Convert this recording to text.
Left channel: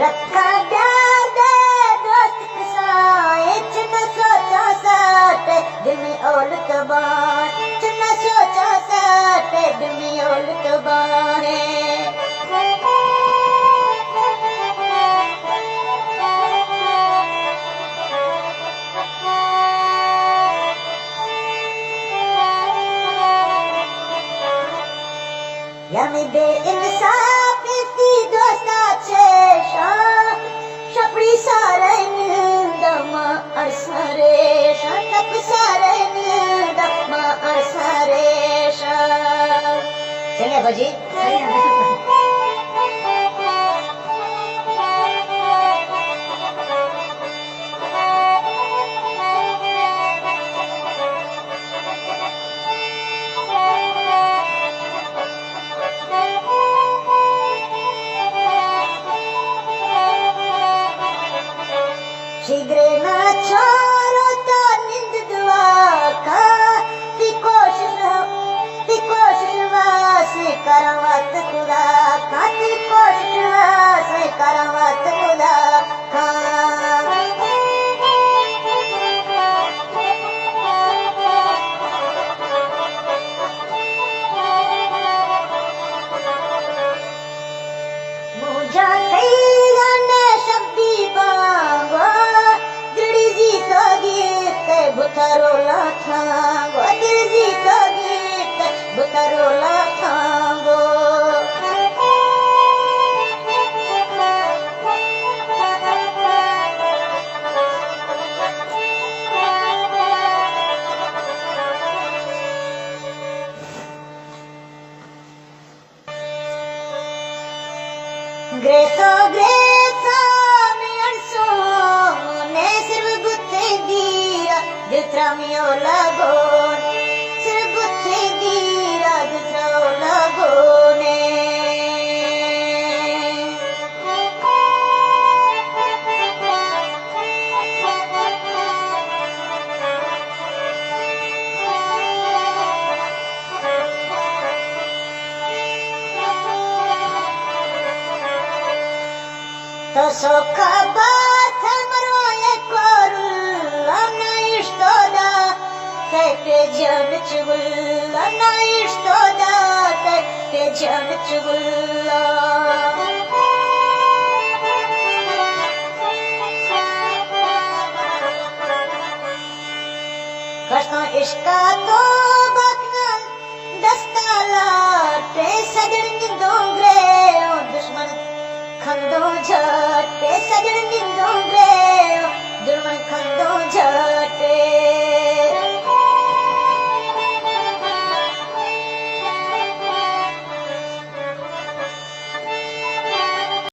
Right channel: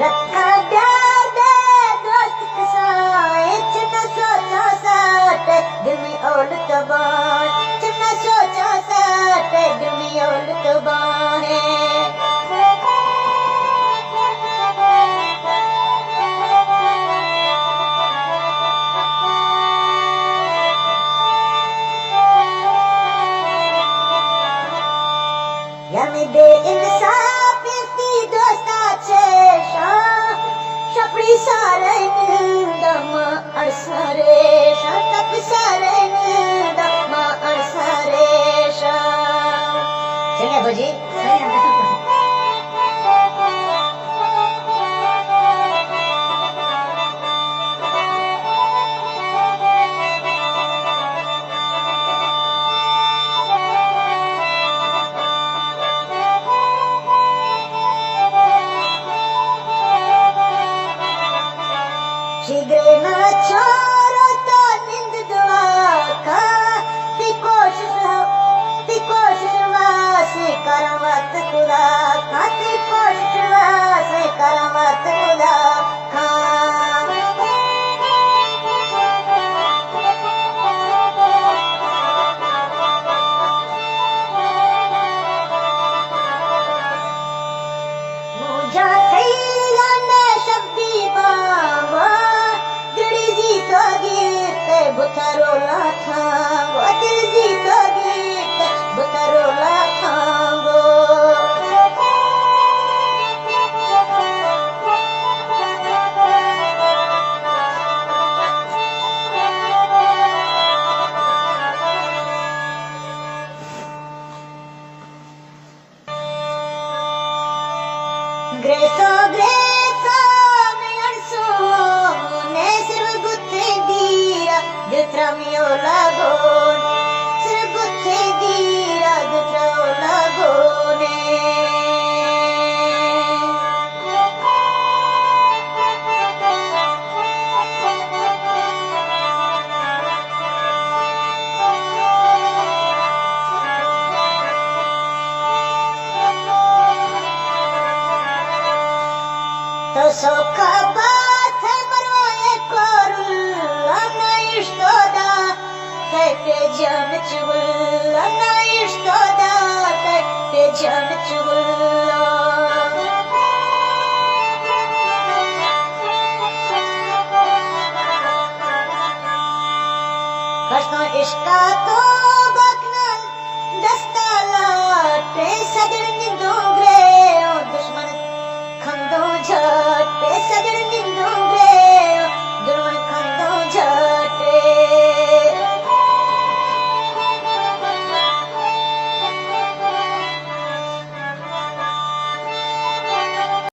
रखा प्यार दे दोस्त के साथ न सोचा साथ दिल में औलत बात न सोचा साथ दिल में औलत बात यार में बेइंसाफ की दोस्ता चेशा शपड़ी सारन दम अरसरे शप सारन दम अरसरे चलिए बजी शीघ्र न छोड़ो तो निंद दुआ का ती कोशिश वास करवत खुदा का ती कोशिश वास करवत खुदा का मुझा थैया ने शब्दी बांगो बुतरोला थांगो दिल जी तो गीत बुतरोला थांगो ग्रेसो में अरसो ने सिर्फ गुत्ते दिया दित्रा लगो सिर्फ गुत्ते दिया दित्रा लगो ने तो सोखा बात है मरो एक कोरुल्ला ना इश्तोदा ते जान चुगुल्ला ना इश्तोदा ते जान चुगुल्ला कसो इश्का तो बकना दस्ता लाटे सजन निंदोंगरे ओ दुश्मन खंदो झट पे सजन